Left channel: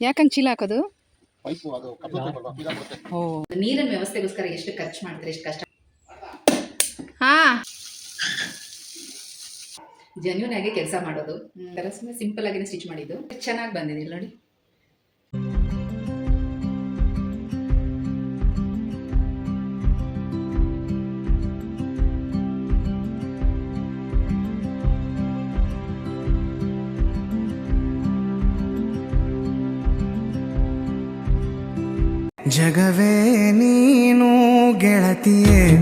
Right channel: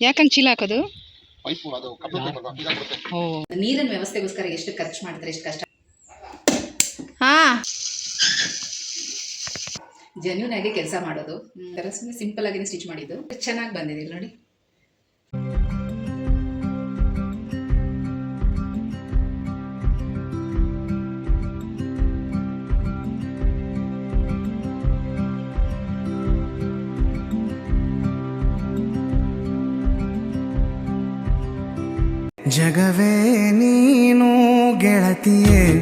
ಯಾಕಂಗೆ ಚೀಲ ಹಾಕೋದು? ಓ. ನೀರಿನ ವ್ಯವಸ್ಥೆಗೋಸ್ಕರ ಎಷ್ಟು ಖರ್ಚು ಮಾಡ್ತಾರೆ ಎಷ್ಟು ಕಷ್ಟ? ಹಾ. ಜೆನ್ಯೂನ್ ಆಗಿ ಕೆಲಸ ಮಾಡೋದು. ಸುಮ್ಮನೆ ಸಿಂಪಲ್ ಆಗಿ ಸ್ಟಿಚ್ ಮಾಡಿದ್ದು. ಚೆನ್ನಾಗಿ ಬಂದಿದೆ ನೋಡಿ. ಜಗವೇ ನೀನು ಗೆಳತಿಯೇ.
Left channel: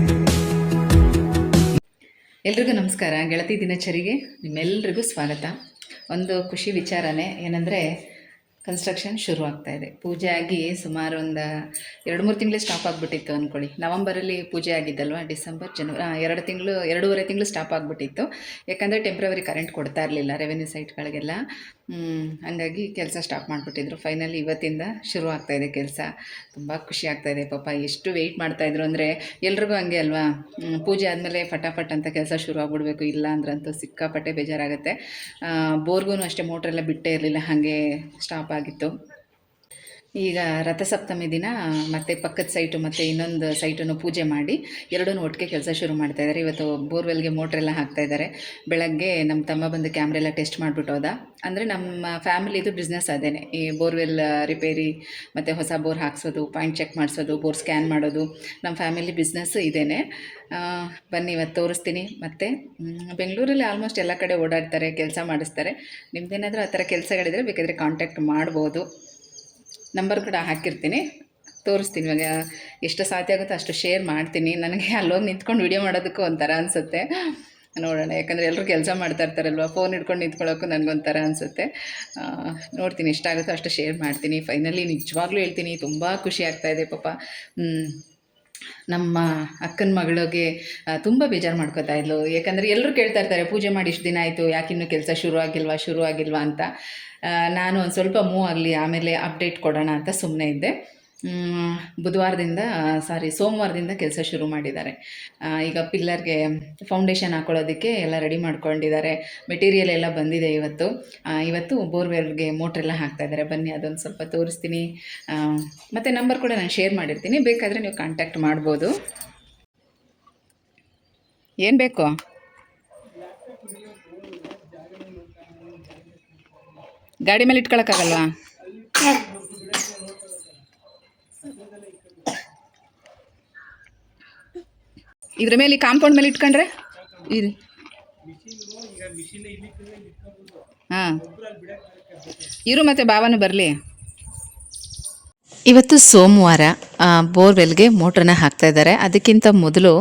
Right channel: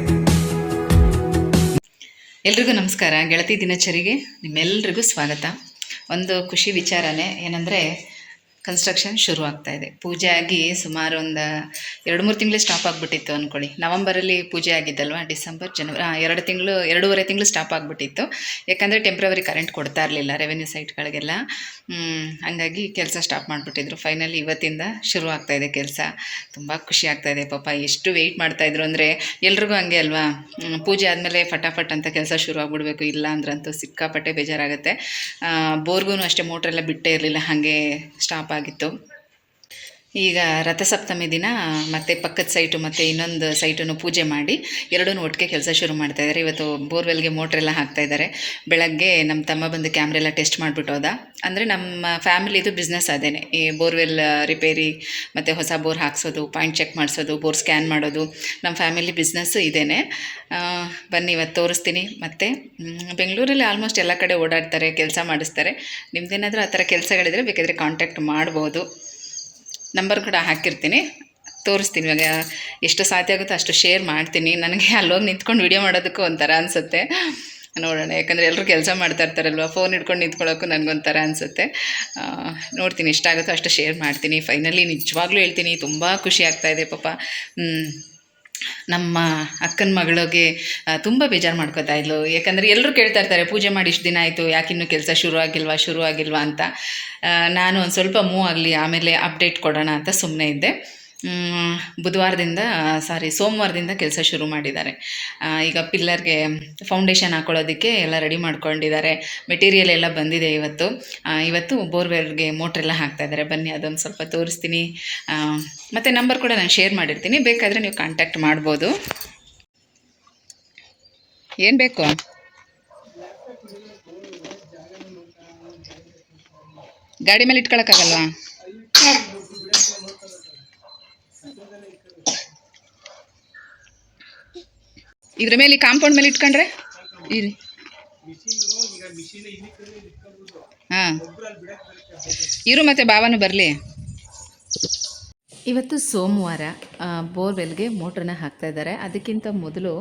ಎಲ್ರಿಗೂ ನಮಸ್ಕಾರ. ಗೆಳತಿ ದಿನಚರಿಗೆ ನಿಮ್ಮೆಲ್ರಿಗೂ ಸ್ವಾಗತ. ಒಂದು ಖುಷಿ ವಿಚಾರನೇ ಏನಂದರೆ ಕನ್ಸ್ಟ್ರಕ್ಷನ್ ಶುರು ಆಗ್ತಾ ಇದೆ ಪೂಜೆ ಆಗಿ ಸುಮಾರು ಒಂದು ಎರಡು ಮೂರು ತಿಂಗಳು ಸ್ಟಾಪ್ ಆಗಿಬಿಟ್ಟಿತ್ತು ಅಂದ್ಕೊಳ್ಳಿ ನವಂಬರಲ್ಲಿ ಪೂಜೆ ಆಗಿದ್ದಲ್ವ? ಡಿಸೆಂಬರ್, ಜನವರಿ ಎರಡು ತಿಂಗಳು, ಎರಡೂವರೆ ತಿಂಗಳು ಸ್ಟಾಪ್ ಆಗಿಬಿಟ್ಟಿತ್ತು. ಯಾಕಂದರೆ ಟೆಂಪ್ರವರಿ ಕರೆಂಟ್ ಕೊಡ್ತಾ ಇರಲಿಲ್ಲ ರೆವೆನ್ಯೂ ಸೈಟ್ಗಳಿಗೆಲ್ಲ ಹಾಗಾಗಿ ಕೆಲಸ ಸ್ಟಾಪ್ ಮಾಡಿಬಿಟ್ಟಿದ್ರು. ಫೈನಲಿ ಇವತ್ತಿಂದ ಶುರು ಆಗ್ತಾ ಇದೆ ಕೆಲಸ. ತುಂಬ ಖುಷಿ ಆಗ್ತಾ ಇದೆ ಪಾಪ ಎಷ್ಟು ವೆಯ್ಟ್ ಮಾಡ್ತಾಯಿದ್ರು ಅಂದರೆ ಎಲ್ರಿಗೂ ಹಂಗೆ ಅಲ್ವಾ? ಪೂಜೆ ಆದಮೇಲೆ ಫಟಾಫಟ್ ಅಂತ ಕೆಲಸ ಶುರು ಆಗಿಬಿಡ್ಬೇಕು ಇಲ್ಲ ಅಂದ್ರಂತೂ ಸಿಕ್ಕಾಪಟ್ಟೆ ಬೇಜಾರಾಗುತ್ತೆ. ಬೋರ್ಗೂ ಅಷ್ಟೇ ಮೋಟ್ರೆಲ್ಲ ಬಿಟ್ಟೇ ಇರಲಿಲ್ಲ, ಹಾಗೆ ಸ್ಟಾಪ್ ಆಗಿತ್ತು. ಈಗ ರಥಸಪ್ತಮಿ ದಿನ, ಮತ್ತೆ ಪಕ್ಕದ ಸೈಟು ಮತ್ತು ಇನ್ನೊಂದು ಸೈಟನ್ನು ಪೂಜೆ ಮಾಡಿ, ಎರಡೂ ಒಟ್ಟಿಗೆ ಕೆಲಸ ಶುರು ಮಾಡ್ತಾ ಇದ್ದಾರೆ ಇವತ್ತು ಬೋರ್ವೆಲ್ಗೆ ಮೋಟ್ರೆಲ್ಲ ಹಾಕ್ತಾ ಇದ್ದಾರೆ ಬೆಳಗ್ಗೆ ನಮ್ಮ ತಮ್ಮ ಬಂದು ಕ್ಯಾಮ್ರೆಲ್ಲ ಟೆಸ್ಟ್ ಮಾಡಿಬಿಟ್ಟು ಹೋದ. ಅಂದರೆ ನಮ್ಮ ಫ್ಯಾಮಿಲಿದು ಬಿಸ್ನೆಸ್ ಅದೇನೆ. ಈ ಬೋರ್ವೆಲ್ ರಿಪೇರಿ ಮತ್ತು ಹೊಸ ಬೋರ್ ಹಾಕ್ಸೋದು ಪಾಯಿಂಟ್ ಚೆಕ್ ಮಾಡಿಸೋದು, ಬೋರ್ ಸ್ಕ್ಯಾನ್ ಮಾಡೋದು ನಮ್ಮ ಫ್ಯಾಮಿಲಿ ಬಿಸ್ನೆಸ್ಸು ಇದೇನೆ. ಬನ್ನಿ ಇವತ್ತು ತೋರಿಸ್ತೀನಿ. ಮತ್ತು ಬೆಂಗಳೂರಲ್ಲಿ ಆಲ್ಮೋಸ್ಟ್ ಎಲ್ಲ ಕಡೆ ಓಡಾಡ್ತಾರೆ, ಕೆಲಸ ಮಾಡಿಸ್ತಾರೆ. ನಿಮ್ದೇನಾದರೂ ಆ ಥರ ಕೆಲಸಗಳಿದ್ರೆ ಬೇಕಾದರೆ ಕಾಂಟ್ಯಾಕ್ಟ್ ಮಾಡ್ಬೋದು. ನಂಬರ್ ಕೂಡ ಹಾಕಿರ್ತೀನಿ. ತೋರಿಸ್ತೀನಿ ಇವಾಗ ಎಷ್ಟು ಸಾಧ್ಯ ಆಗುತ್ತೋ ಅಷ್ಟು ಶೇರ್ ಮಾಡ್ತೀನಿ. ನನಗೆ ಅಲ್ಲೋಗಿ ನಿಂತ್ಕೊಂಡು ವಿಡಿಯೋ ಮಾಡೋದಕ್ಕೂ ಒಂಥರ ಅನಿಸುತ್ತೆ. ನೋಡೋಣ, ಯಾಕಂದರೆ ಎಲ್ಲರೂ ಕೆಲಸ ಮಾಡ್ತಾ ಇರ್ತಾರಲ್ವ ಫೋನ್ ಹಿಡ್ಕೊಂಡು ನಿಂತ್ಕೊಳ್ಳೋಕ್ಕೂ ನನಗೊಂಥರ ಅನಿಸುತ್ತೆ. ನೋಡ್ತೀನಿ ಎಷ್ಟಾಗುತ್ತೋ ಅಷ್ಟು ಶೇರ್ ಮಾಡ್ತೀನಿ. ಫೈನಲಿ ನಿಜವಾಗ್ಲೂ ಹೇಳ್ತೀನಿ, ತುಂಬ ಖುಷಿ ಆಗ್ತಾಯಿದೆ ಪಾಪ. ನಮ್ಮ ಅಕ್ಕನ ಮಗಳಿಗೆ ತುಂಬ ಬೇಜಾರು ಮಾಡ್ಕೋತಾ ಇದ್ಲು. ಯಾಕಂದರೆ ಎಲ್ಲರೂ ಕೇಳ್ತಾ ಇರ್ತಾರೆ, ಪೂಜೆ ಮಾಡಿ ಇಷ್ಟು ದಿನ ಆಯಿತು ಯಾಕಿನ್ನೂ ಕೆಲಸ ಶುರು ಆಗಿಲ್ವಾ ಶುರು ಆಗಿಲ್ವಾ ಅಂತ. ನಾನು ಒಂದು ಸ್ವಲ್ಪ ಮೂವ್ ಆಗಲಿ, ಆಮೇಲೆ ಅಪ್ಡೇಟ್ ಕೊಡೋಣ ಅಂತ ಸುಮ್ಮನೆ ಇದ್ದೆ. ಬುಧವಾರದಿಂದ ಸಾರಿ ಸೋಮವಾರದಿಂದ ಕೆಲಸ ಶುರು ಮಾಡಿದ್ದಾರೆ. ಈಗ ಪಿಲ್ಲರ್ಗೆ ಫೌಂಡೇಶನ್ ಹಾಕೊಳ್ಳೋದಕ್ಕೆ ಎಲ್ಲ ರೆಡಿ ಮಾಡ್ಕೊಂಡಿದ್ದಾರೆ. ಮೆಟೀರಿಯಲ್ ಎಲ್ಲ ಬಂದಿದೆ ಇವತ್ತು. ಇವತ್ತು ಬೋರ್ವೆಲ್ಗೆ ಮೋಟ್ರೆಲ್ಲ ಹಾಕ್ತಾ ಇದ್ದಾರೆ. ಬನ್ನಿ, ಅದೊಂದು ಸ್ವಲ್ಪ ತೋರಿಸ್ತೀನಿ. ಮತ್ತು ನಂಬರ್ ಕೂಡ ನಾನು ಶೇರ್ ಮಾಡಿರ್ತೀನಿ. ಬೇಕಾದರೆ ನೀವು ಕಾಂಟ್ಯಾಕ್ಟ್ ಮಾಡ್ಬೋದು. ಏನು ಬೇಕು? ಗಾಡಿ ಮೇಲೆ ಇಟ್ಕೊಳಕ್ಕಾಗಲ್ವಾ? ಇದ್ರ ಮೇಲೆ ಕಾಂಪೌಂಡ್ ಮೇಲೆ ಇಟ್ಕೊಂಡ್ರೆ? ಇರಿ ಹಾಂ. ಇರು ಮತ್ತೆ ಬಾವನು ಬರಲಿ. ಇವತ್ತು ಸೋಮವಾರ ಬೋರ್ವೆಲ್ಗೆ ಮೋಟ್ರನ್ನ ಹಾಕ್ತಾ ಇದ್ದಾರೆ. ಅದಕ್ಕಿಂತ ಮೊದಲು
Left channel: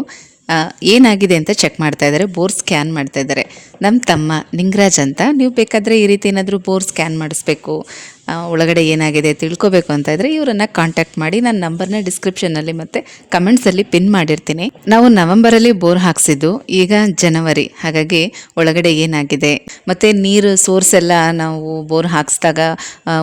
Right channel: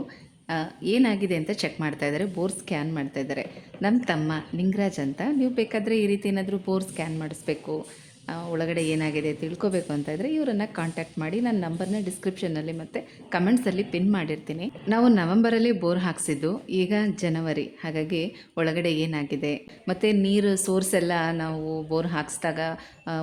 ಏನಾಗಿದೆ ಅಂತ ಚೆಕ್ ಮಾಡ್ತಾ ಇದ್ದಾರೆ. ಬೋರ್ ಸ್ಕ್ಯಾನ್ ಮಾಡ್ತಾ ಇದ್ದಾರೆ. ನಮ್ಮ ತಮ್ಮ ನಿಂಗರಾಜ್ ಅಂತ. ನೀವು ಬೇಕಾದರೆ ಈ ರೀತಿ ಏನಾದರೂ ಬೋರ್ ಸ್ಕ್ಯಾನ್ ಮಾಡಿಸ್ಬೇಕು. ಒಳಗಡೆ ಏನಾಗಿದೆ ತಿಳ್ಕೊಬೇಕು ಅಂತ ಇದ್ದರೆ ಇವರನ್ನು ಕಾಂಟ್ಯಾಕ್ಟ್ ಮಾಡಿ ನನ್ನ ನಂಬರ್ನ ಡಿಸ್ಕ್ರಿಪ್ಷನಲ್ಲಿ ಮತ್ತು ಕಮೆಂಟ್ಸಲ್ಲಿ ಪಿನ್ ಮಾಡಿರ್ತೀನಿ. ನಾವು ನವಂಬರಲ್ಲಿ ಬೋರ್ ಹಾಕ್ಸಿದ್ದು ಈಗ ಜನವರಿ, ಹಾಗಾಗಿ ಒಳಗಡೆ ಏನಾಗಿದೆ, ಮತ್ತು ನೀರು ಸೋರ್ಸ್ ಎಲ್ಲ ನಾವು ಬೋರ್ ಹಾಕ್ಸಿದಾಗ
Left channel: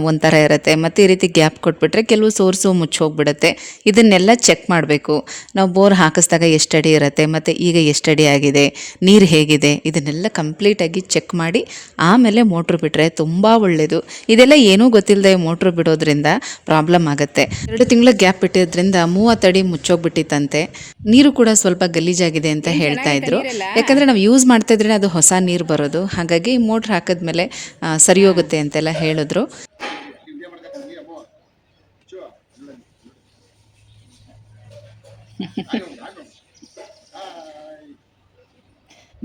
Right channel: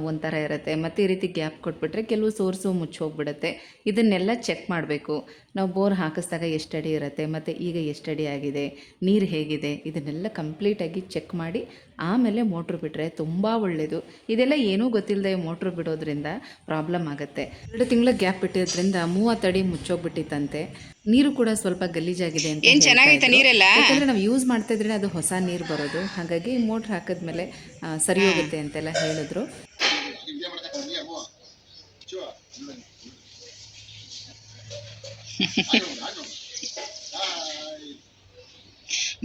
ಒಂಥರ ಇರುತ್ತೆ. ಮತ್ತು ಈ ರೀತಿ ಗ್ಯಾಪ್ ಕೊಟ್ಬಿಟ್ರೆ ಕೆಲವು ಸೋರ್ಸು ಮುಚ್ಚೋಗ್ಬಿಡುತ್ತೆ ಇದನ್ನೆಲ್ಲ ಚೆಕ್ ಮಾಡಬೇಕು. ನಾವು ಬೋರ್ ಹಾಕಿಸಿದಾಗ ಎಷ್ಟಡಿ ಇರುತ್ತೆ, ಮತ್ತು ಈಗ ಎಷ್ಟಡಿ ಆಗಿದೆ, ನೀರು ಹೇಗಿದೆ, ಇದನ್ನೆಲ್ಲ ಕಂಪ್ಲೀಟಾಗಿ ಚೆಕ್ ಮಾಡಿ, ಆಮೇಲೆ ಮೋಟ್ರ್ ಬಿಟ್ಟರೆ ತುಂಬ ಒಳ್ಳೆಯದು ಇದೆಲ್ಲ ಏನೂ ಗೊತ್ತಿಲ್ಲದೆ ಮೋಟ್ರ್ ಬಿಡೋದ್ರಿಂದ ಪ್ರಾಬ್ಲಮ್ ಆಗುತ್ತೆ. ಎರಡು ತಿಂಗಳ ಗ್ಯಾಪ್ ಬಿಟ್ಟಿದ್ರಿಂದ ಮೂವತ್ತಡಿ ಮುಚ್ಚೋಗ್ಬಿಟ್ಟಿತ್ತಂತೆ. ನೀರು ಕೂಡ ಸ್ವಲ್ಪ ಗಲೀಜಾಗಿದೆ ಅಂತ ಹೇಳ್ತಾ ಇದ್ರು. ಯಾಕಂದ್ರೆ ನಾವು ಯೂಸ್ ಮಾಡ್ತಾ ಇದ್ರೆ ಅದು ಹೊಸ ನೀರು ಬರೋದು. ಹಾಗಾಗಿ ಮೋಟ್ರ್ ಹಾಕಿದ್ಮೇಲೆ ಸರಿ ಹೋಗುತ್ತೆ ಅಂತೆಲ್ಲ ಹೇಳಿದ್ರು.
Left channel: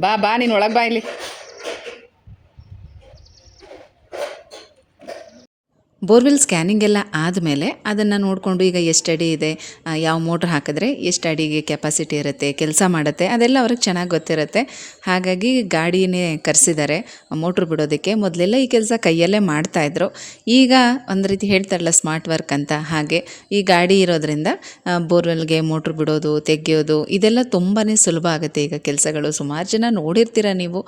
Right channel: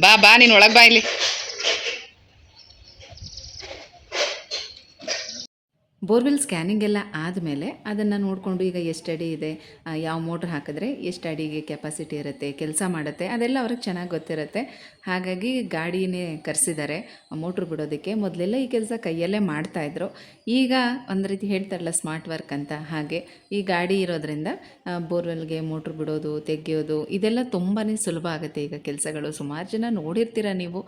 ಬಾ ಬಾ ನೀನು ಒಳಗೆ ಬಾ ಇಲ್ಲಿ. ಬೋರ್ವೆಲ್ ಸ್ಕ್ಯಾನಿಂಗ್ ಎಲ್ಲ ಆದಮೇಲೆ ಅದನ್ನು ನೋಡಿಕೊಂಡು ಈಗ ಎಷ್ಟು ಅಡಿ ಇದೆ ಯಾವ ಮೋಟ್ರ್ ಹಾಕಿದ್ರೆ ಎಷ್ಟು ಅಡಿಗೆ ಕೆಪಾಸಿಟಿ ಇರುತ್ತೆ, ಕೆಲಸ ಮಾಡುತ್ತೆ, ಅದೆಲ್ಲ ಅವ್ರಿಗೆ ಚೆನ್ನಾಗಿ ಗೊತ್ತಿರುತ್ತೆ. ಹಾಗಾಗಿ ಗಾಡಿನೇ ಕರೆಸಿದ್ದಾರೆ ಮೋಟ್ರ್ ಬಿಡೋದಕ್ಕೆ. ಮೊದಲೆಲ್ಲ ಈ ಕೆಲಸ ಕೈಯಲ್ಲೇ ಮಾಡ್ತಾಯಿದ್ರು ಈಗ ಒಂದು ರೀತಿ ಹೇಳ್ತಾರಲ್ಲ, ಸ್ಮಾರ್ಟ್ ವರ್ಕ್ ಅಂತ ಹಾಗೆ. ಈ ಗಾಡಿ ಇರೋದ್ರಿಂದ ಬೋರ್ವೆಲ್ಗೆ ಮೋಟ್ರ್ ಬಿಡೋದು, ತೆಗೆಯೋದು, ಇದೆಲ್ಲ ತುಂಬಾ ಸುಲಭ ಆಗುತ್ತೆ ಈಗ ಕೆಲಸಗಳು. ಸುಮಾರು ಜನ ನೋಡಿರ್ತೀರ ನೀವು.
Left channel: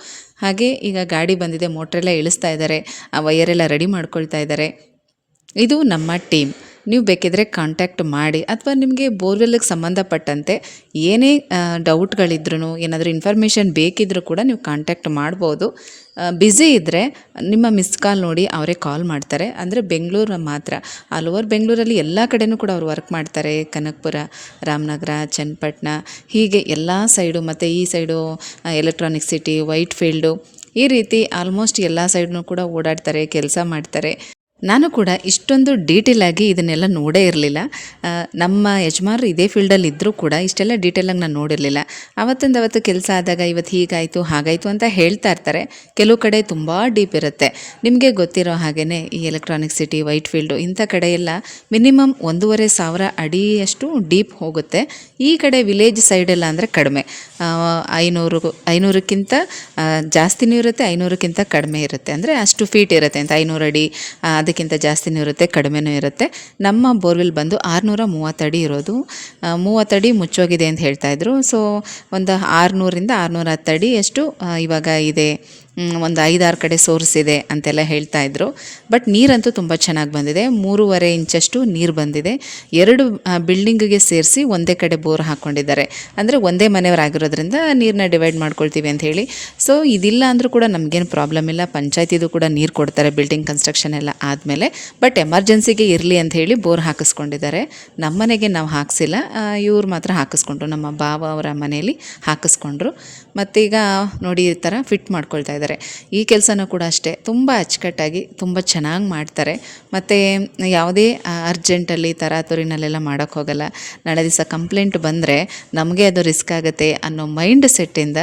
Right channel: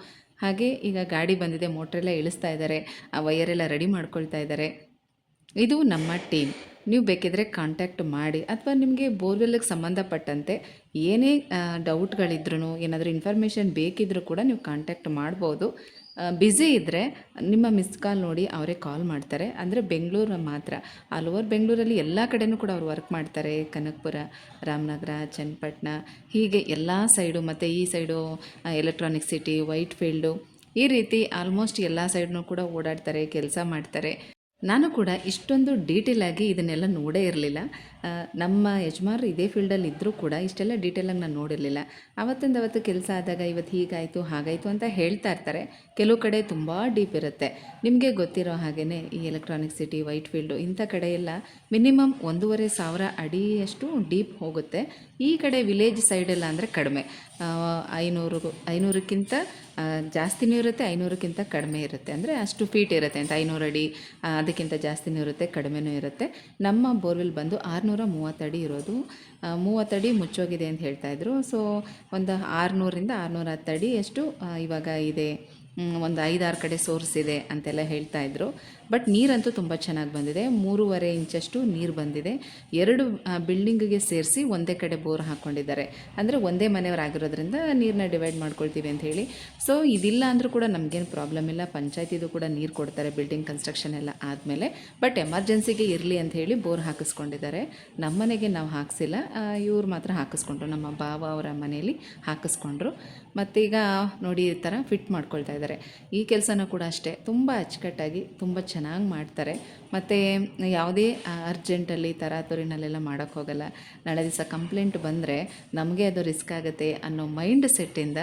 ಹಾಗೆ ಈಗ ಗಾಡಿ ಬಂದಿದೆ, ಮೋಟ್ರೆಲ್ಲ ಇಳಿಸ್ತಾ ಇದ್ದಾರೆ ಆ ವಯರೆಲ್ಲ ರೆಡಿ ಮಾಡ್ಕೊಳ್ತಾ ಇದ್ದಾರೆ ಇದು ನಮ್ಮ ಟೀಮ್. ನೀವು ಬೇಕಿದ್ರೆ ಕಾಂಟ್ಯಾಕ್ಟ್ ಮಾಡಿ ಅಥವಾ ನಿಮಗೆ ಬೋರ್ವೆಲ್ಗೆ ಸಂಬಂಧಪಟ್ಟಂತೆ ಏನೇ ಡೌಟ್ಗಳಿದ್ರೂ ಏನಾದರೂ ಇನ್ಫಾರ್ಮೇಷನ್ ಬೇಕಿದ್ರೂ ಕೂಡ ನೀವು ಕಾಂಟ್ಯಾಕ್ಟ್ ಮಾಡ್ಬೋದು. ಬ್ಯುಸಿ ಇದ್ದರೆ ನಿಮ್ಮ ಮಿಸ್ ಕಾಲ್ ನೋಡಿ ಅವರೇ ಕಾಲ್ ಮಾಡ್ತಾರೆ. ಅಂದರೆ ಬೆಂಗಳೂರು ಮಾತ್ರ. ಆಲ್ ಓವರ್ ಬೆಂಗಳೂರಲ್ಲಿ ಎಲ್ಲ ಕಡೆನೂ ಕೂಡ ಅವರು ವರ್ಕ್ ಮಾಡ್ತಾರೆ. ಕನಕಪುರ, ರಾಮನಗರ, ಚನ್ನಪಟ್ಟಣ, ಹೀಗೆ ಎಲ್ಲ ಸೈಡು ಮತ್ತು ಈ side electronic city Whitefield ಈ ರೀತಿ ಆಲ್ಮೋಸ್ಟ್ ಎಲ್ಲ ಸೈಡ್ನೂ ಕೂಡ ಓಡಾಡ್ತಾರೆ, ಕೆಲಸ ಮಾಡ್ತಾರೆ. ನಾನು ಕೂಡ ಇಷ್ಟೊಂದು ಡೀಟೇಲ್ ಆಗಿ ಇದನ್ನೆಲ್ಲ ನೋಡೇ ಇರಲಿಲ್ಲ. ನಮ್ಮ ಯಜಮಾನರು ಇದೇ ಫೀಲ್ಡಲ್ಲಿ ಇದ್ದರೂ ಕೂಡ ಇಷ್ಟೆಲ್ಲ ಡೀಟೇಲಾಗಿ ನಾನು ನೋಡಿರಲಿಲ್ಲ. ಅವತ್ತಿಂದ ಅವತ್ತು ಕೆಲಸ ಆದಾಗ ಇವತ್ತು ಹೀಗಾಯಿತು ಹಾಗಾಯಿತು ಅಂತ ಹೇಳ್ತಾ ಇರ್ತಾರೆ. ಕೆಲವು ಕಡೆ ತುಂಬ ಡೀಪ್ ಇರುತ್ತೆ. ನಿಮಗೆ ಗೊತ್ತಿರೋ ಹಾಗೆಯೇ ಈ ಎಲೆಕ್ಟ್ರಾನಿಕ್ ಸಿಟಿ ವೈಟ್ ಫೀಲ್ಡು ಇಂಥ ಕಡೆ ಎಲ್ಲ ಮಿನಿಮಮ್ ಒಂದೂವರೆ ಸಾವಿರ ಅಡಿಯಷ್ಟು ಡೀಪ್ ಹೋಗುತ್ತೆ. ಈ ಕಡೆ ವಿಲೇಜ್ ಸೈಡೆಲ್ಲ ಅಂದರೆ ಕಡಿಮೆ. ಐನೂರು ಐನೂರಕ್ಕಿಂತ ಜಾಸ್ತಿನೂ ಇರುತ್ತೆ ಐನೂರಕ್ಕಿಂತ ಕಡಿಮೆ ಇರುತ್ತೆ. ಅಂದರೆ ಅಷ್ಟು ಫೀಟ್ ಇರುತ್ತೆ ಅಂತ ಐನೂರು ಅಡಿ ಆ, ಅದಕ್ಕಿಂತ ಜಾಸ್ತಿನೂ ಇರುತ್ತೆ, ಕಡಿಮೆನೂ ಇರುತ್ತೆ. ನಮ್ಮ ಬೋರ್ವೆಲ್ ಬಂದು ಆರುನೂರ ಮೂವತ್ತಡಿ ಇರೋದು. ಮೂವತ್ತಡಿ ಮುಚ್ಚೋಗಿದೆ ಅಂತ ಹೇಳ್ತಾಯಿದ್ರು ಸೊ ಒಂದು ಆರುನೂರಿಂದ ಆರುನೂರ ಹತ್ತಡಿ ಎಷ್ಟು ಇವಾಗ ಇದೆ. ಒಂದು ಐದಾರು ಕಡೆ ಸೋರಿಸಿದೆ ಅಂತೆಲ್ಲ ಹೇಳ್ತಾ ಇದ್ರು. ಬಟ್ ನೀರಂತೂ ತುಂಬ ಚೆನ್ನಾಗಿ ಬಂದಿದೆ. ಮೂರುವರೆ ಇಂಚಷ್ಟು ನೀರು ಬಂದಿದೆ. ಎರಡು ಬಿಲ್ಡಿಂಗಿಗೆ ಸೇರಿಸಿ ಒಂದೇ ಕಡೆ ಬೋರ್ ಹಾಕ್ಕೊಂಡಿದ್ದಾರೆ ಅಂದರೆ ಒಂದೇ ಮನೆಯವರಾಗಿರೋದ್ರಿಂದ ನೀರನ್ನ ಡಿವೈಡ್ ಮಾಡ್ಕೊಳ್ತೀವಿ ಅಂತ ಹೇಳಿ. ಸೊ ಇದಿಲ್ಲ ಅಂದರೂ ಕೂಡ ನಮಗೇನು ಪ್ರಾಬ್ಲಮ್ ಇಲ್ಲ. ಪಂಚಾಯತಿದು ಕೂಡ ನೀರು ಕೊಡ್ತಾರೆ ಬಿಲ್ಡಿಂಗ್ ಕನ್ಸ್ಟ್ರಕ್ಷನ್ ಎಲ್ಲ ಆದಮೇಲೆ. ಬಟ್ ಎಮರ್ಜೆನ್ಸಿಗೆ ಇರಲಿ ಅಂತ ಹೇಳಿ ಬೋರ್ ಹಾಕಿಸ್ಕೊಂಡಿದ್ದಾರೆ. ನಮ್ಮ ಮನೆಗೆ ನಾವು ಹಾಕಿಸಿಲ್ಲ. ಇವ್ರು ಮಾತ್ರ ಹಾಕಿಸ್ಕೊಂಡ್ರು. ನಮ್ಮ ಬಾವ ಅವರ ಮನೆಯಲ್ಲಿ ಹಾಕಿಸ್ಕೊಂಡ್ರು. ಮತ್ತೀಗ ನೋಡಿ ಈ ಥರ ಫಿಟ್ ಮಾಡ್ಕೊಳ್ತಾ ಇದ್ದಾರೆ. ಈ ಕೆಲಸನೂ ಕೂಡ ಅಷ್ಟೇ. ತುಂಬ ಅಚ್ಚುಕಟ್ಟಾಗಿ ತುಂಬ ಚೆನ್ನಾಗಿ ಮಾಡ್ತಾರೆ. ಮತ್ತು ಯಾವುದೇ ಅರ್ಜೆಂಟಲ್ಲಿ ತರಾತುರಿನಲ್ಲೆಲ್ಲ ಮಾಡೋಕ್ಕೆ ಹೋಗಲ್ಲ. ನಾಳೆ ದಿವಸ ಕಂಪ್ಲೇಂಟ್ ಬಂದರೆ ನಮಗೆ ಅದು ರಿಸ್ಕ್ ಆಗುತ್ತೆ ಅನ್ನೋ ಮೈಂಡ್ ಸೆಟ್ಟಿಂದ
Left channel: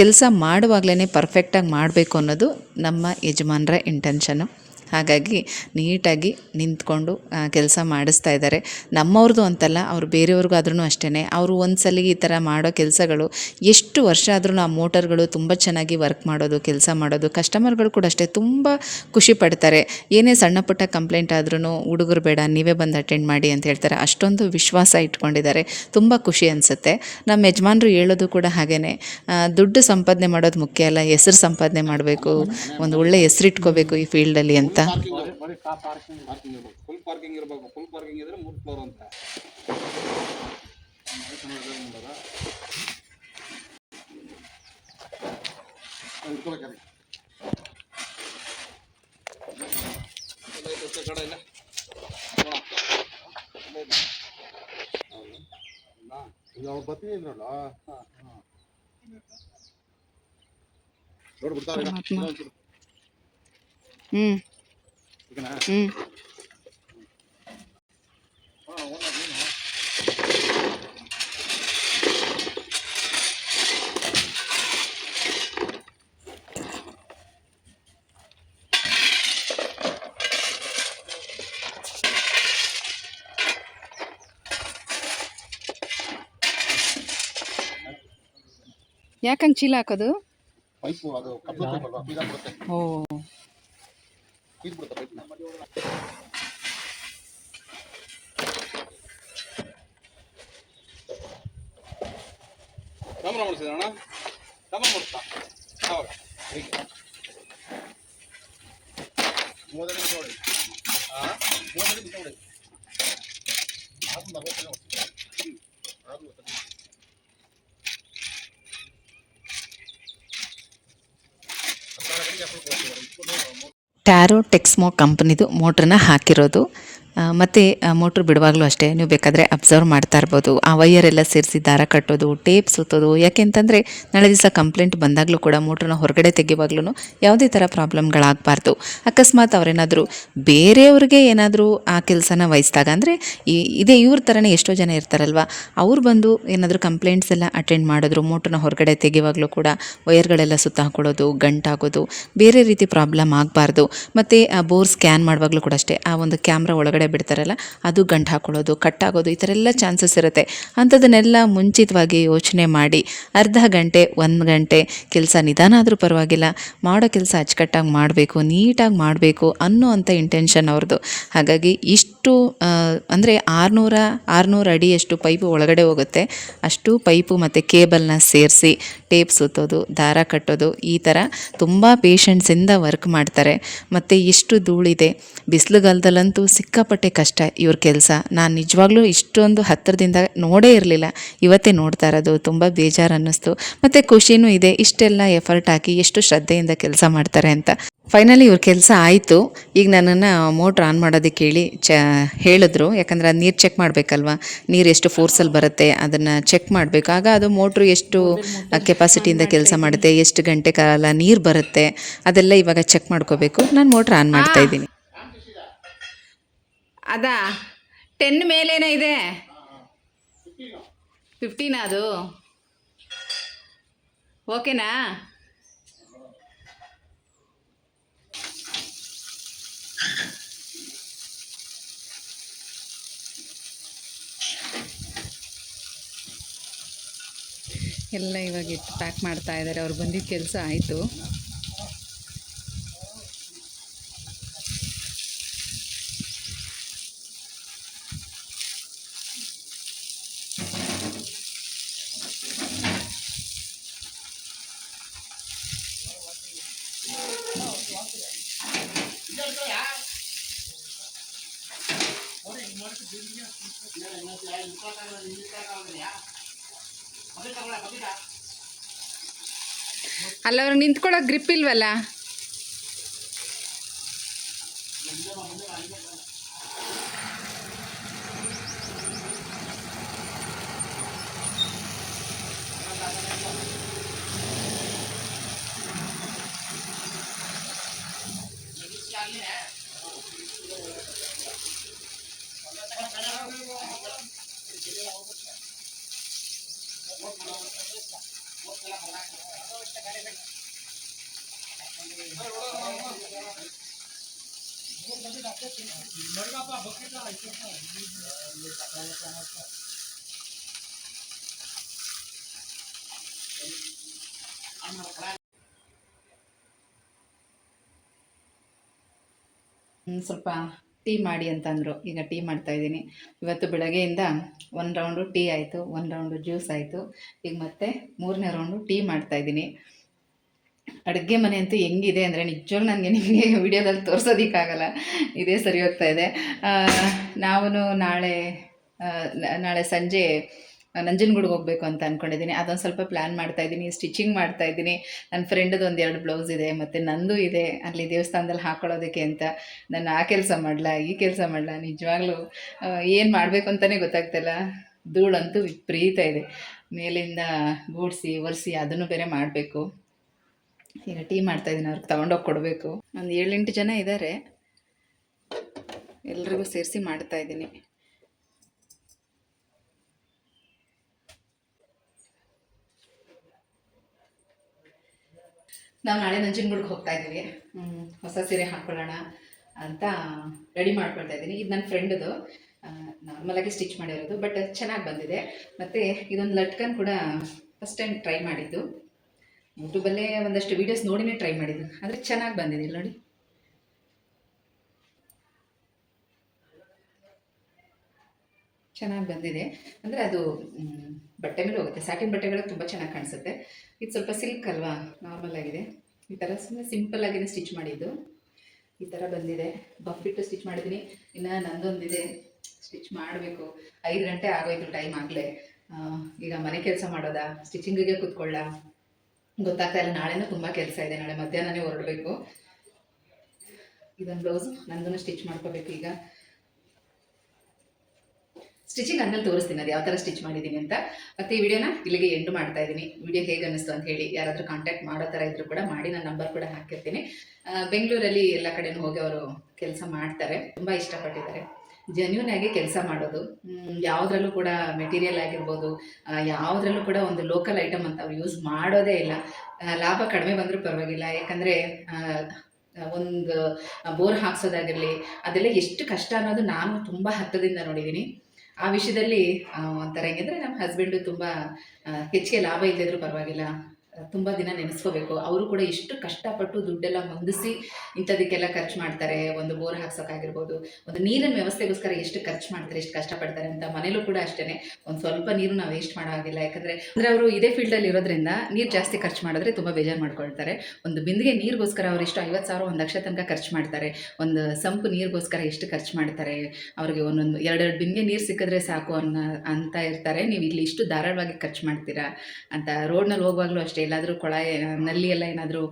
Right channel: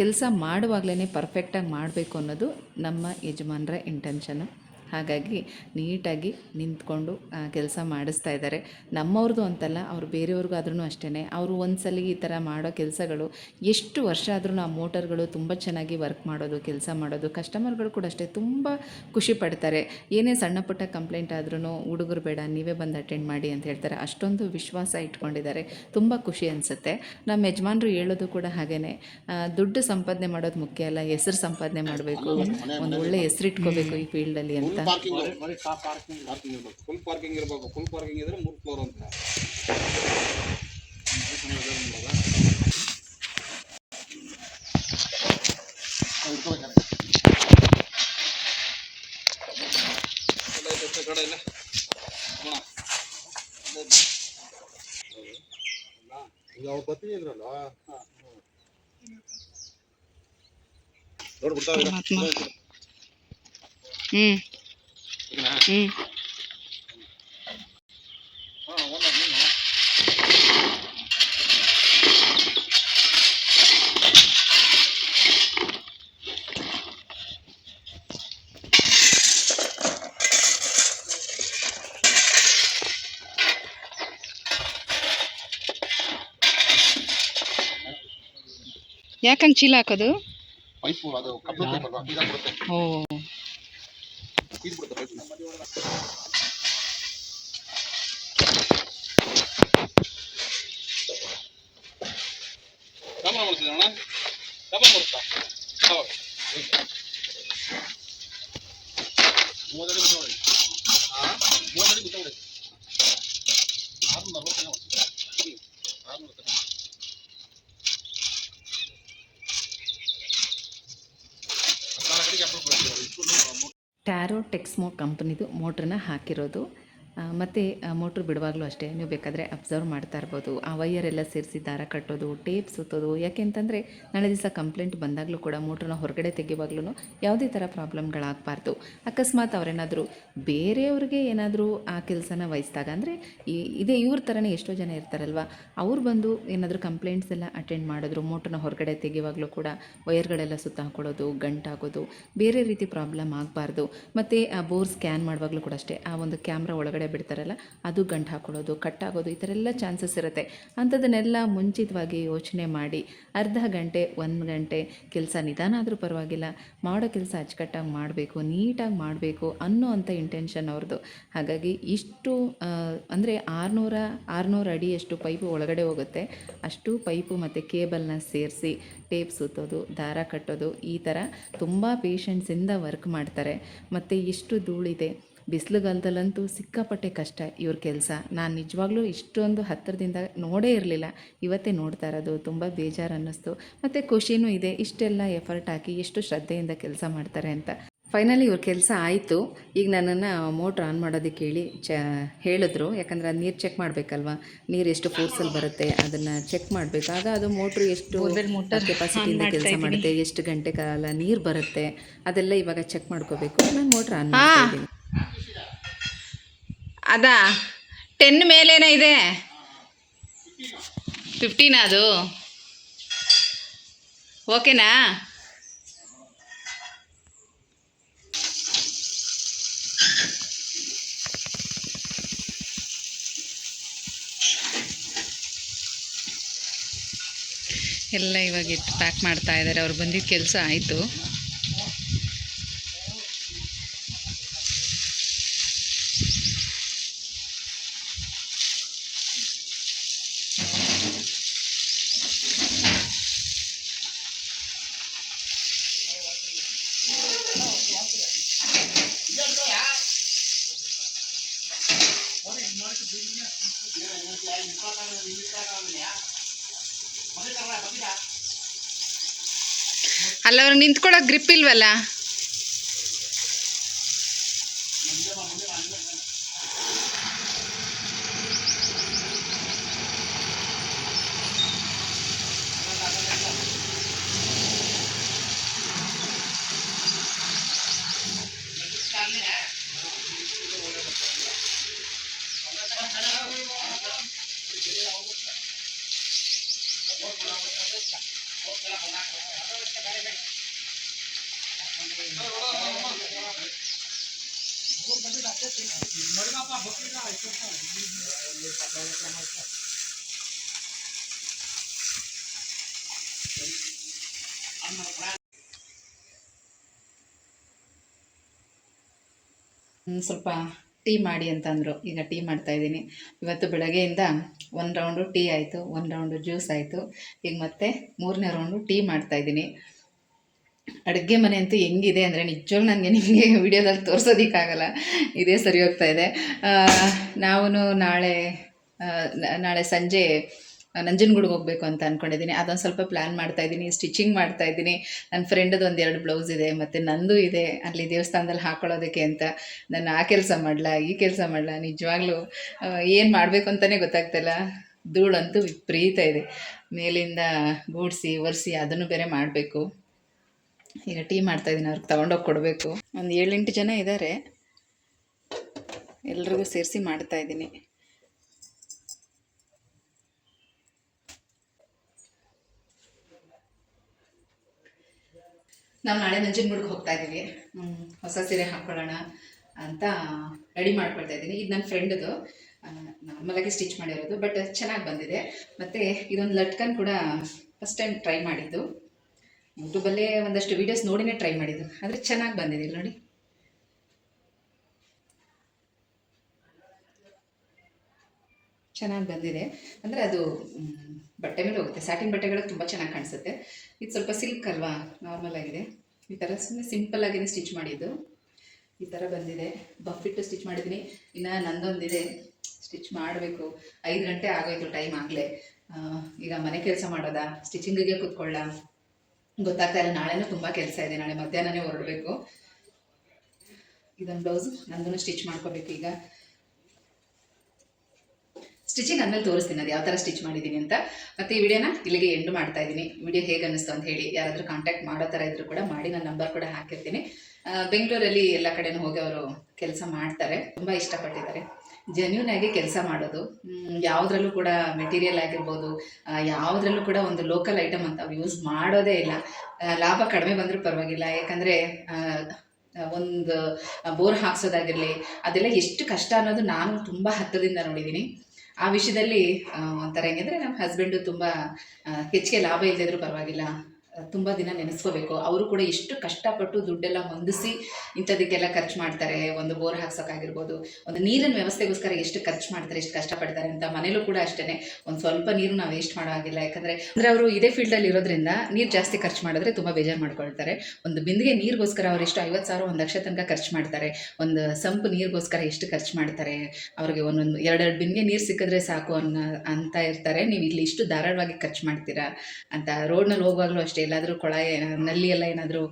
ಕೆಲಸ ಮಾಡುವಾಗಲೇ ಪರ್ಫೆಕ್ಟಾಗಿ ಮಾಡಬೇಕು ಅನ್ನೋದು ನಮ್ಮ ಯಜಮಾನರ ಇಂಟೆನ್ಷನು ಹಾಗಾಗಿ ನೀಟಾಗಿ ನಿಂತ್ಕೊಂಡು ಕೆಲಸ ಮಾಡಿಸ್ತಾ ಇದ್ದಾರೆ. ನಮ್ಮವ್ರದ್ದು ಅಂತಲ್ಲ ಅವ್ರು ಬೇರೆಯವ್ರಿಗೂ ಆದ್ರೂ ಅಷ್ಟೇ ಅವರು ಒಂದು ಸಲ ಈ ಥರ ಮಾಡೋ ಕೆಲಸಗಳು ಎಷ್ಟು ವರ್ಷ ಆದ್ರೂ ಆ ಮೋಟರ್ಗಳು ತುಂಬ ಚೆನ್ನಾಗಿ ವರ್ಕ್ ಮಾಡೋದು ಕೆಲಸ ಮಾಡೋದು ಕಸ್ಟಮರ್ಗಳು ಕೂಡ ಅಷ್ಟೇ ತುಂಬ ಖುಷಿ ಪಡ್ತಾರೆ. ಏನೇ ಸಣ್ಣ ಪುಟ್ಟ ಕಂಪ್ಲೇಂಟ್ ಆದ್ರೂ ಹುಡುಗರು ಬೇಡ ನೀವೇ ಬಂದು ಅಟೆಂಡ್ ಮಾಡಿ ಅಂತ ಹೇಳ್ತಾರೆ. ಅಷ್ಟೊಂದು ವಿಶ್ವಾಸ ಇಟ್ಕೊಂಡಿದ್ದಾರೆ. ತುಂಬ ಖುಷಿ ಅನಿಸುತ್ತೆ. ನಮ್ಮ ಯಜಮಾನರು ಹೇಳೋದು ಕೂಡ ಹಾಗೇ ದುಡ್ಡು ಸಂಪಾದನೆ ಮಾಡೋದು ಮುಖ್ಯ ಅಲ್ಲ ಹೆಸರು ಸಂಪಾದನೆ ಮಾಡಬೇಕು ಒಂದು ಒಳ್ಳೆ ಹೆಸರಿಟ್ಕೋಬೇಕು ಈ ಫೀಲ್ಡಲ್ಲಿ ಅಂತ. ಪಾರ್ಕಿಂಗ್ ಬರೀ ಕಾ ಪಾರ್ಕಿಂಗ್ ಪಾರ್ಕಿಂಗ್ ಇರ್ಬೇಕು ಫುಲ್ ಪಾರ್ಕಿಂಗ್ ಇರಬೇಕು ಫುಲ್ ಪಾರ್ಕಿಂಗ್ ಇದ್ರೆ ಮೂರು ಫ್ಲೋರ್ ಅಂತ ಇಟ್ಕೋಬೇಕಾರೆ ಎಲ್ಲ ಐತೆ ಅಷ್ಟೇ ಕಡೆ ಇಲ್ಲ ನೋಡ ಈಗ ಅವ್ರು ಬರ್ತೀನಿ ಇದ್ರಲ್ಲ ನೋಡ್ಬಿಡ್ತಾರೆ ಪರಮಾತ್ಮ ಹ್ಞೂ ಹ್ಞೂ ಯಾಕಂಗೆ ಚೀಲ ಹಾಕೋದು? ಪೈಪು ಅದು ಕಪ್ಪು ಪೈಪ್ ಅಲ್ವಾ? ಇದಾಗ್ಬಿಡುತ್ತೆ ಓ. ಇದ್ಬಿಡುತ್ತೆ ಪೈಪ್ ಕ್ಯಾಮ್ರಾ ಮಾಡಿಸಿದ ಅಣ್ಣ ಕ್ಯಾಮ್ರಾ ಮಾಡಿಸ್ತಾ ಹೌದು ಮೂವತ್ತಡಿ ಬಿಟ್ಟು ಹೊಡಿ ಮೂವತ್ತಡಿ ಬಿಟ್ಟು ಹೊಡಿ ಆರ್ನೂರ ಅರವತ್ತನೇ ಆರ್ನೂರ ಹತ್ತಾರು ಕಡೆಗೆ ಅಪ್ರೂವ್ ಮಾಡ್ತಾರೆ ಇಟ್ಕೊಂಡು ಟ್ಯಾರೋ ಟೆಕ್ಸ್ಮೋ ಕಂಪ್ನಿದು ಮೋಟ್ರನ್ನ ಹಾಕಿರೋದು. ಮತ್ತು ಮೋಟ್ರ್ ಬಿಡುವಾಗಲೂ ಅಷ್ಟೇ, ನೀವು ಬೇಕಾದರೆ ಅಬ್ಸರ್ವ್ ಮಾಡ್ತಾ ಇರ್ಬೋದು. ಆ ವೈಯರೆಲ್ಲ ಸೇರಿಸಿ ದಾರ ಕಟ್ಟೋದು ಟೇಪ್ ಸುತ್ತೋದು ಯಾಕೆಂತಂದರೆ ನಾಳೆ ದಿವಸ ಕಂಪ್ಲೇಂಟ್ ಬಂದಾಗಲೂ ಕೂಡ ಮೋಟ್ರನ್ನ ಹೊರಗಡೆ ತೆಗೆಯುವಾಗ್ಲೂ ಯಾವುದೇ ಥರ ಪ್ರಾಬ್ಲಮ್ಗಳಾಗಬಾರ್ದು. ಅಕಸ್ಮಾತ್ ಅವರೇನಾದರೂ ಬೇರೆಯವ್ರಿಗೆ ಏನಾದರೂ ಆ ಕೆಲಸನ ವಹಿಸಿದಾಗ, ಅಂದರೆ ಇದೇ ಇವ್ರ ಥರನೇ ಎಷ್ಟೋ ಜನ ಇರ್ತಾರಲ್ವ, ಅವ್ರು ಬಂದು ಏನಾದರೂ ಕಂಪ್ಲೇಂಟ್ಸ್ ಎಲ್ಲ ಅಟೆಂಡ್ ಮಾಡಿದ್ರು ಮೋಟ್ರನ್ನ ಹೊರಗಡೆ ತೆಗೆಯುವಾಗಲೂ ಕೂಡ ವೈಯರ್ಗಳೆಲ್ಲ ಸುತ್ತ ಹಾಕೊಳ್ಳೋದು ಗಂಟಾಗೋದು ಬೇರೆ ರೀತಿ ಪ್ರಾಬ್ಲಮ್ ಆಗಬಾರ್ದು. ಮತ್ತು ಬೋರ್ ಸ್ಕ್ಯಾನ್ ಮಾಡುವಾಗಲೂ ಕೂಡ ಅಷ್ಟೇ, ಆ ಒಂದು ಕ್ಯಾಮ್ರಾ ಒಳಗಡೆ ಬಿಡ್ತಾರಲ್ಲ, ಅದು ಗಂಟು ಹಾಕೊಳ್ಳೋದು ಕಟ್ಟಾಗೋದು ಈ ಥರ ಎಲ್ಲ ಚಾನ್ಸಸ್ ಇರುತ್ತೆ. ಅಂಥದ್ದನ್ನೆಲ್ಲ ಮುಂಚಿತವಾಗಿ ಯೋಚನೆ ಮಾಡಿ, ಅರ್ಧ ಗಂಟೆ, ಒಂದು ಗಂಟೆ ಕೆಲಸ ನಿಧಾನ ಆದರೂ ಪರವಾಗಿಲ್ಲ, ಮಾಡೋ ಕೆಲಸ ಅಚ್ಚುಕಟ್ಟಾಗಿ ಮಾಡಬೇಕು, ನೀಟಾಗಿ ಮಾಡಬೇಕು ಅನ್ನೋ ಅಂಥ ಇಂಟೆನ್ಷನ್ ಅವ್ರದ್ದು. ಹಾಗಾಗಿ ಇಷ್ಟು ಅಂದರೆ ಆರುನೂರ, ಆರುನೂರು ಅಡಿಯಷ್ಟು ಪೈಪು ಒಳಗಡೆ ಹೋಗುತ್ತೆ. ಅಷ್ಟು ಪೈಪು ಮತ್ತು ಕೇಬಲ್ನ ಸೇರಿಸಿ, ಟೇಪ್ ಸುತ್ತೋದು, ದಾರ ಕಟ್ಟೋದು, ಈ ಥರ ತುಂಬ ಪೇಷನ್ಸಿಂದ ವರ್ಕ್ ಮಾಡ್ತಾರೆ. ಮತ್ತು ಎಷ್ಟು ಧೂಳಿದೆ, ಬಿಸಿಲುಗಾಲದಲ್ಲಂತೂ ಸಿಕ್ಕಾಪಟ್ಟೆ ಸಿಕ್ಕಾಪಟ್ಟೆ ಕಷ್ಟ ಇವ್ರ ಕೆಲಸ. ನಾನು ನಿಜವಾಗ್ಲೂ ಇಷ್ಟೊಂದು ಹತ್ತಿರದಿಂದ ನೋಡೇ ಇರಲಿಲ್ಲ. ಇವತ್ತೇ ನೋಡ್ತಾ ಇರೋದು ತುಂಬ ಬೇಜಾರು ಅನ್ನಿಸ್ತು. ಮತ್ತು ಖುಷಿನೂ ಇದೆ ಇಷ್ಟೆಲ್ಲ ಎಫರ್ಟ್ ಹಾಕಿ ಎಷ್ಟು ಶ್ರದ್ಧೆಯಿಂದ ಕೆಲಸ ಮಾಡ್ತಾರೆ ಅಂತ. ಫೈನಲಿ ಇವ್ರ ಕೆಲಸ ಆಯಿತು. ಈಗ ನನ್ನನ್ನು ಮೋಟ್ರ್ ಆನ್ ಮಾಡೋದಕ್ಕೆ ಹೇಳಿ ಚ ಹೇಳಿದ್ರು. ಯಾಕಂದರೆ ಅದು ನೀರು ಚೆಕ್ ಮಾಡಬೇಕಲ್ವಾ? ನೀರು ಎಷ್ಟು ಫೋರ್ಸಲ್ಲಿ ಬರುತ್ತೆ ಅದನ್ನು ಚೆಕ್ ಮಾಡಬೇಕು. ಆಗ ಅದು ಮೋಟ್ರು ಎಷ್ಟು ಕೆಪಾಸಿಟಿಯಿಂದ ಕೆಲಸ ಮಾಡುತ್ತೆ ಎಷ್ಟು ಗಂಟೆ ಕಾಲ ನೀರು ಬರುತ್ತೆ ಅದೆಲ್ಲ ಇವಾಗ ಚೆಕ್ ಮಾಡ್ಕೋಬೇಕು. ನಾನು ಮೋಟ್ರ್ ಆನ್ ಮಾಡ್ತಾ ಇದ್ದೀನಿ. ಅದಾ? ಟೆನ್ ಮೇಲೇನ ಇದೆ? ಫಿಫ್ಟೀನಾ ಅದು? ಓಕೆನಾ? ಎಲ್ಲ ಇವಾಗ ಇಟ್ಟು ಪ್ಯಾಕ್ ಮಾಡ್ತಾ ಇದ್ದಾರೆ ಅವ್ರು ಬಂದಿದ್ದ ಕೆಲಸ ಆಯಿತು. ಅಲ್ಲ ಅವ್ರು ನಿಂತ್ಕೊಳ್ಳೋಕೆ ಗ್ರಿಪ್ ಇಲ್ವಲ್ಲ? ಹ್ಮ್, ಸ್ವಲ್ಪ ಟೀ ಮಾಡಿ ಅಂತಂದರು. ಈಗ ಟೀ ಮಾಡ್ತಾ ಇದ್ದೀನಿ. ಇವತ್ತು ಬೆಳಗ್ಗೆಯಿಂದ ಒಂದು ರೌಂಡು ಟೀ ಆಯಿತು, ಒಂದು ರೌಂಡು ಜ್ಯೂಸ್ ಆಯಿತು. ಈಗ ಮತ್ತೆ ಮೂರನೇ ರೌಂಡು ಟೀ ಮಾಡ್ತಾಯಿದ್ದೀನಿ ಅಡುಗೆ ಮನೆ ಅಂತೂ ಹೆಂಗಿದೆ ಅಂದರೆ ನಿಜವಾಗ್ಲೂ ನನಗೆ ನಿಮಗೆ ವಿಡಿಯೋದಲ್ಲಿ ತೋರಿಸೋದಕ್ಕಾಗಲ್ಲ. ಇದೇ ಸರಿ ಹೋಗ್ತಾ ಇದೆ. ನಾವು ನಾಳೆ ನಾಳೆ ಸಂಜೆ ನಂಜನಗೂಡಿಗೆ ಹೋಗಬೇಕು ಅಂತ ಅಂದ್ಕೊಂಡಿದ್ದೀನಿ ಅದೊಂದು ಸ್ವಲ್ಪ ಪ್ಲ್ಯಾನ್ ಮಾಡ್ತಾಯಿದ್ದೀನಿ ಸ್ಟಿಚಿಂಗ್ ಮಾಡ್ತಾಯಿದ್ದೀನಿ ನನ್ನ ಫ್ರೆಂಡದು ಒಂದು ಎರಡು ಬ್ಲೌಸ್ ಇದೆ, ಮತ್ತು ನಂದು ಇದೆ. ಅಲ್ಲಿ ದೇವಸ್ಥಾನದಲ್ಲಿ ಹಾಕ್ಕೊಳ್ಳೋದಕ್ಕೆ ಅಂತ ನಾನು ಆ ಕೆಲಸ ಮಾಡಲ, ಈ ಕೆಲಸ ಮಾಡಲ, ನಿಜವಾಗ್ಲೂ ಏನು ಮಾಡಬೇಕು ಅಂತಲೇ ಗೊತ್ತಾಗ್ತಿಲ್ಲ ಧೂಳಂತೂ ವಿಪರೀತ ಇದೆ. ಮೇಲಿಂದ ಗೂಡಿಸಿ, ಒರೆಸಿ ಅದನ್ನು ಬೇರೆ ಮಾಡಬೇಕು. ಈಗ ಟೀ ಮಾಡ್ತಾಯಿದ್ದೀನಿ ಅವ್ರಿಗೆ ತಗೊಂಡೋಗಿ ಕೊಡಬೇಕು. ಒಂದು ಏಳೆಂಟು ಜನ ಇದ್ದಾರೆ ಎಲ್ರಿಗೂ ಸೇರಿಸಿ ಮಾಡ್ತಾಯಿದ್ದೀನಿ ನಾವು ನಾಳೆ ನಂಜನಗೂಡಿಗೆ ಹೋಗ್ತಾ ಇದ್ದೀವಿ. ಹೊಸ ಸೀರೆ ಹಾಕ್ಕೊಳ್ಳೋಣ ಅಂತ ರೆಡಿ ಮಾಡ್ಕೊಳ್ತಾ ಇದ್ದೀನಿ. ಇದು ನನ್ನ ಫ್ರೆಂಡದು ನಾರ್ಮಲಾಗಿ ಸ್ಟಿಚ್ ಮಾಡಿರೋದು ಬಟ್ ಚೆನ್ನಾಗಿ ಬಂದಿದೆ. ಮತ್ತು ಇದೊಂದು ಲಟ್ಕನ್ ಕೂಡ ಫಸ್ಟ್ ಟೈಮ್ ಟ್ರೈ ಮಾಡಿದ್ದು. ಯೂಟ್ಯೂಬಲ್ಲೇ ಒಂದಷ್ಟು ವೀಡಿಯೋಸ್ ನೋಡಿನೇ ಟ್ರೈ ಮಾಡಿದ್ದು. ಆದರೆ ಚೆನ್ನಾಗಿ ಬಂದಿದೆ, ಇಲ್ಲಿ ನೋಡಿ. ಚೆನ್ನಾಗಿ ಬಂದಿದೆ. ಅಂದರೆ ಅದು ಬಟ್ಟೆ ಮೇಲೆ ಹೋಗುತ್ತೆ. ಸ್ಯಾಟಿನ್ ಬಟ್ಟೆಗಳು ತುಂಬ ಚೆನ್ನಾಗಿ ಕಾಣಿಸುತ್ತೆ. ಇದು ಸ್ವಲ್ಪ ಸಿಲ್ಕ್ ಅಲ್ವಾ? ನಾರ್ಮಲ್ ಆಗಿದೆ. ಈ ಥರ ಸುಮ್ಮನೆ ಸಿಂಪಲ್ ಆಗಿನೇ ಸ್ಟಿಚ್ ಮಾಡಿದ್ದು. ಈ ಥರ ಬಂದಿದೆ. ಬಫಿಟ್ಟು ಸ್ಟಿಚ್ ಮಾಡಿದ್ದೀನಿ. ಇನ್ನು ನಂದೊಂದಿದೆ. ಸ್ಟಿಚ್ ಮಾಡಬೇಕು. ಐದು ಗಂಟೆ ಆಗೋಯ್ತು ಟೈಮ್ ಆಗಲೇ. ಈಗ ಮನೆ ಕೆಲಸ ಮಾಡೋದಾ? ಸ್ಟಿಚಿಂಗಿಗೆ ಕೂತ್ಕೊಳ್ಳ? ಗೊತ್ತಾಗ್ತಾ ಇಲ್ಲ. ನಾಳೆನೂ ತುಂಬ ಕೆಲಸ ಇದೆ. ನಾಳೆ ಮಧ್ಯಾಹ್ನನೇ ಹೊರಡಬೇಕು. ಇದೊಂದು ಬ್ಲೌಸ್ ನಂದು ಸ್ಟಿಚ್ ಮಾಡ್ಕೋಬೇಕು ಈಗ. ಸ್ಟಿಚಿಂಗ್ ಆದಮೇಲೆ ತೋರಿಸ್ತೀನಿ, ಅದು ಯಾವ ಥರ ಸ್ಟಿಚ್ ಮಾಡಿದ್ದೀನಿ ಅಂತ. ಮತ್ತು ಈ ವಿಡಿಯೋನ ಇಲ್ಲಿಗೆ ಎಂಡ್ ಮಾಡ್ತಾ ಇದ್ದೀನಿ. ವಿಡಿಯೋ ಹೇಗೆ ಅನ್ನಿಸ್ತು ಅಂತ ಹೇಳಿ ಯಾರಾದರೂ ಕಾಂಟ್ಯಾಕ್ಟ್ ಮಾಡೋ ಥರ ಇದ್ದರೂ ಕೂಡ ಮಾಡಿ ನನ್ನ ನಂಬರ್ ಕೂಡ ಹಾಕಿರ್ತೀನಿ. ಬೆಂಗಳೂರಲ್ಲಿ ಎಲ್ಲ ಕಡೆನೂ ಹೋಗಿ ಅವರು ಕೆಲಸ ಮಾಡ್ತಾರೆ, ತುಂಬ ಇಷ್ಟಪಟ್ಟಿದ್ದಾರೆ. ಜೆನ್ಯೂನ್ ಆಗಿ ಕೆಲಸ ಮಾಡೋದು ಯಾವುದ್ರಲ್ಲೂ ಕೂಡ ಮೆಟೀರಿಯಲ್ ಆಗಿರ್ಬೋದು ಯಾವುದ್ರಲ್ಲೂ ಕೂಡ ಒಂದು ಲೋಕಲ್ ಐಟಮ್ ಅಂತ ಅವ್ರು ಯೂಸ್ ಮಾಡೋದೇ ಇಲ್ಲ. ಲಾಭ ಕಡಿಮೆ ಬಂದರೂ ಪರವಾಗಿಲ್ಲ, ಯಾಕಂದರೆ ಒಂದು ಬೋರ್ ಹಾಕ್ಸೋದಾಗಿರಲಿ, ಅದೆಲ್ಲ ಎಷ್ಟು ಕಷ್ಟ ಅನ್ನೋದು ನಾನು ತುಂಬ ಹತ್ತದಿಂದ ನೋಡಿದ್ದೀನಿ. ಆ ವಿಷಯದಲ್ಲಿ ಒಂಥರ ಹೆಂಗಂದ್ರೆ ನಮ್ಮ ಹಸ್ಬೆಂಡು ತುಂಬ ಹೆಚ್ಚಿಗೆ ಲಾಭ ಇಲ್ಲದಿದ್ರು ಪರವಾಗಿಲ್ಲ. ತುಂಬ ದಿನ ನೆನೆಸ್ಕೋಬೇಕು. ಅವರು ಕೂಡ ಎಷ್ಟು ಕಷ್ಟಪಟ್ಟು ದುಡ್ಡೆಲ್ಲ ಹೊಂದಿಸಿ ಇಂಥದಕ್ಕೆಲ್ಲ ಖರ್ಚು ಮಾಡ್ತಾರೆ. ಒಂದು ಬೋರ್ ಹಾಕ್ಸೋಕ್ಕಾಗಿರ್ಬೋದು ಒಂದು ನೀರಿನ ವ್ಯವಸ್ಥೆಗೋಸ್ಕರ ಎಷ್ಟು ಖರ್ಚು ಮಾಡ್ತಾರೆ, ಎಷ್ಟು ಕಷ್ಟಪಡ್ತಾರೆ ಅಂತ ಮನೇಲೂ ಕೂಡ ಅಷ್ಟೇ ಒಂದು ಸ್ವಲ್ಪ ನೀರು ನಾವು ವೇಸ್ಟ್ ಮಾಡೋ ಹಾಗಿಲ್ಲ. ಯಾಕಂದರೆ ಅಂದರೆ ಅವರು ಇದೇ ಫೀಲ್ಡಲ್ಲಿ ಇರೋದ್ರಿಂದ ನೀರು ಜಾಸ್ತಿ ಖರ್ಚು ಮಾಡಿದ್ರೆ ತುಂಬ ಬೇಜಾರು ಮಾಡ್ಕೊಳ್ತಾರೆ. ಒಂದು ಬಿಂದಿಗೆ ನೀರಿಗೋಸ್ಕರ ಅವರು ಎಷ್ಟು ಐವತ್ತು ಸಾವಿರ, ಒಂದು ಲಕ್ಷ ತನಕ ಖರ್ಚು ಮಾಡ್ತಾರೆ. ಒಂದು ಸಂಪು ನೀರಿಗೋಸ್ಕರ ಎಷ್ಟು ಖರ್ಚು ಮಾಡ್ತಾರೆ. ಅವ್ರಿಗೆ ಒಂದೊಂದು ಎರಡೆರಡು ಬಿಂದಿಗೆ ನೀರು ಸಿಕ್ಕಿದ್ರೆ ಸಾಕು ಅನ್ನೋ, ಅಂತ ಇರ್ತಾರೆ. ನೀವು ಇಲ್ಲಿ ಇಷ್ಟು ಧಾರಾಳವಾಗಿ ಖರ್ಚು ಮಾಡ್ತೀರಾ ಅಂತ ರೋಡ್ನಲ್ಲಿ ಹೋಗುವಾಗಲೂ ಅಷ್ಟೇ. ಎಲ್ಲಾದರೂ ಕೊಳಾಯಿ ನಲ್ಲಿ ಎಲ್ಲ ಏನಾದರೂ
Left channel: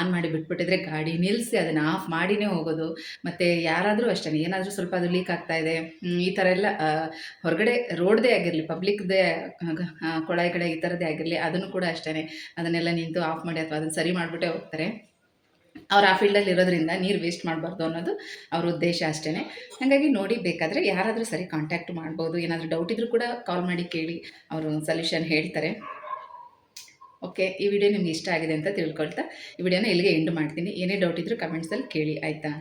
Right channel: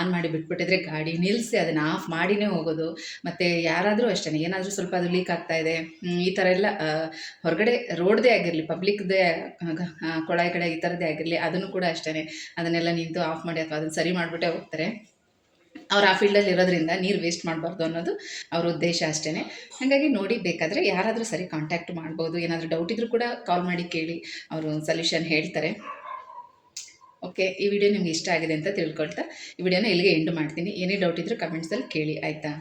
ಆನ್ ಮಾಡಿ ಬಿಟ್ಬಿಟ್ಟಿದ್ರೆ ಗಾಡಿ ನಿಲ್ಲಿಸಿ ಅದನ್ನು ಆಫ್ ಮಾಡಿನೇ ಹೋಗೋದು. ಮತ್ತು ಯಾರಾದರೂ ಅಷ್ಟೇ ಏನಾದರೂ ಸ್ವಲ್ಪ ಅದು ಲೀಕ್ ಆಗ್ತಾ ಇದೆ ಈ ಥರ ಎಲ್ಲ ಹೊರಗಡೆ ರೋಡ್ದೇ ಆಗಿರಲಿ ಪಬ್ಲಿಕ್ದೇ ಕೊಳಾಯಿ ಕಡೆ ಈ ಥರದ್ದೇ ಆಗಿರಲಿ, ಅದನ್ನು ಕೂಡ ಅಷ್ಟೇ ಅದನ್ನೆಲ್ಲ ನಿಂತು ಆಫ್ ಮಾಡಿ ಅಥವಾ ಅದನ್ನು ಸರಿ ಮಾಡಿಬಿಟ್ಟೆ ಹೋಗ್ತಾರೆ. ಅವ್ರು ಆ ಫೀಲ್ಡಲ್ಲಿ ಇರೋದ್ರಿಂದ ನೀರು ವೇಸ್ಟ್ ಮಾಡಬಾರ್ದು ಅನ್ನೋದು ಅವ್ರ ಉದ್ದೇಶ ಅಷ್ಟೇ ಹಾಗಾಗಿ ನೋಡಿ ಬೇಕಾದರೆ ಯಾರಾದರೂ ಸರಿ ಕಾಂಟ್ಯಾಕ್ಟ್ ಮಾಡ್ಬೋದು, ಏನಾದರೂ ಡೌಟ್ ಇದ್ದರೂ ಕೂಡ ಕಾಲ್ ಮಾಡಿ ಕೇಳಿ, ಅವರು ಸೊಲ್ಯೂಷನ್ ಹೇಳ್ತಾರೆ. ಓಕೆ ಈ ವಿಡಿಯೋ ನಿಮ್ಗೆ ಇಷ್ಟ ಆಗಿದೆ ಅಂತ ತಿಳ್ಕೊಳ್ತಾ. ಈ ವಿಡಿಯೋನ ಇಲ್ಲಿಗೆ ಎಂಡ್ ಮಾಡ್ತೀನಿ. ಏನೇ ಡೌಟ್ ಇದ್ದರೂ ಕಮೆಂಟ್ಸಲ್ಲಿ ಕೇಳಿ, ಆಯಿತಾ?